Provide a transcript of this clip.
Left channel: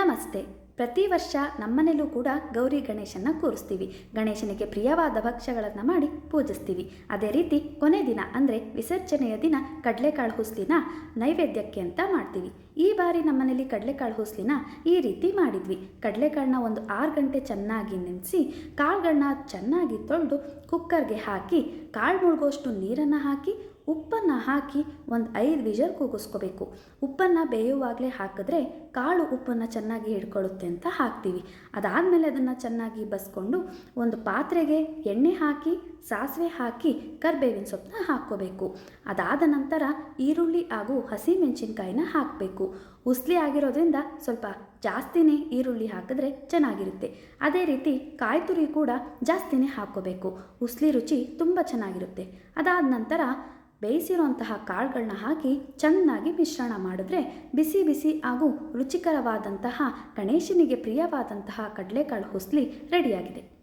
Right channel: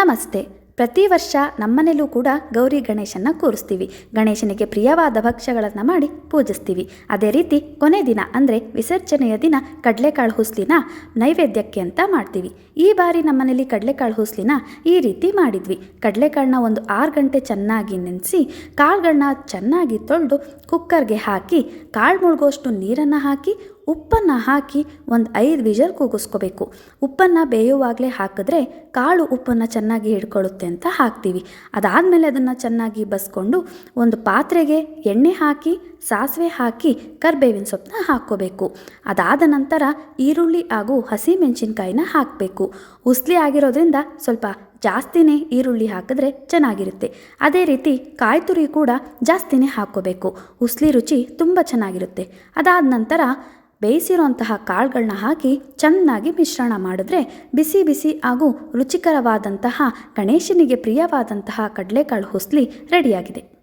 ನಮಸ್ತೆ. ಪ್ರತಿ ವರ್ಷ ನಮ್ಮನೆಯಲ್ಲೂ ಕೂಡ ಗೌರಿ ಗಣೇಶನ ಕೂರಿಸ್ತೀವಿ. ಗಣೇಶನಿಗೆ ಪ್ರಿಯವಾದ ಭಕ್ಷ್ಯಗಳನ್ನು ಮಾಡಿ ಪೂಜಿಸ್ತೀವಿ. ಅದೇ ರೀತಿ ಕೊನೆ ದಿನ ಅಂದರೆ ವಿಸರ್ಜನೆಯ ದಿನ ಕಡಲೆಕಾಳು ಹುಸ್ಲಿನ ನೈವೇದ್ಯಕ್ಕೆ ಅಂತ ಮಾಡ್ತೀವಿ. ಈ ಬಾರಿ ನಮ್ಮನೇಲಿ ಕಡಲೆಕಾಳು ಹುಸ್ಲಿನ ಈ ರೀತಿ ಮಾಡಿದ್ವಿ. ಕಡಲೆಕಾಳನ್ನ ಒಂದು ಆರು ಗಂಟೆ ಚೆನ್ನಾಗಿ ನೆನೆಸಿ ಕಾಳುಗಳನ್ನ ಚೆನ್ನಾಗಿ ತೊಳೆದು ಕುಕ್ಕರ್ಗೆ ಹಾಕಿ ಕಾಳು ಮುಳುಗೋಷ್ಟು ನೀರನ್ನು ಹಾಕಿ ಉಪ್ಪನ್ನು ಹಾಕಿ ಒಂದು ಐದು ವಿಜಲ್ ಕೂಗಿಸ್ಕೋಬೇಕು. ಉಪ್ಪನ್ನು ಬೇಯುವಾಗಲೇ ಹಾಕಿದ್ರೆ ಕಾಳು ಉಪ್ಪನ್ನು ಚೆನ್ನಾಗಿ ಹಿಡ್ಕೊಳ್ಳುತ್ತೆ ಅಂತ ಹಾಕ್ತೀವಿ. ಅದಾದಮೇಲೆ ಅದನ್ನು ಚೆನ್ನಾಗಿ ಬಸ್ಕೊಂಡು ಒಂದು ಪಾತ್ರೆಗೆ ಎಣ್ಣೆ ಹಾಕಿ, ಸಾಸಿವೆ ಹಾಕಿ, ಕರ್ಬೇವಿನ ಸೊಪ್ಪನ್ನ ಹಾಕ್ಕೋಬೇಕು. ಅದಾದ ನಂತರ ಈರುಳ್ಳಿ ಹಾಗೂ ಹಸಿಮೆಣಸಿನ್ಕಾಯಿನ ಹಾಕಬೇಕು. ಉಸ್ಲಿ ಆಗಿರೋದ್ರಿಂದ ಸ್ವಲ್ಪ ಜಾಸ್ತಿನೇ ಈರುಳ್ಳಿ ಹಾಕಿದ್ರೆ ಚೆನ್ನಾಗಿರುತ್ತೆ. ಅದೇ ರೀತಿ ಕಾಯಿ ತುರಿ ಕೂಡ ಜಾಸ್ತಿನೇ ಹಾಕ್ಕೋಬೇಕು. ಉಸ್ಲಿ ರುಚಿ ತುಂಬ ಚೆನ್ನಾಗಿರುತ್ತೆ. ಅದಾದ ನಂತರ ಬೇಯಿಸಿರೋಂತಹ ಕಾಳುಗಳನ್ನ ಹಾಕಿ ಚೆನ್ನಾಗಿ ಮಿಶ್ರಣ ಮಾಡಿದ್ರೆ ಬಿಸಿ ಬಿಸಿ ಹಾಗೂ ರುಚಿಕರವಾದಂತಹ ಗಣೇಶನಿಗೆ ಪ್ರಿಯವಾದಂತಹ ಕಡಲೆಕಾಳು ಹುಸ್ಲಿ ರೆಡಿಯಾಗಿದೆ.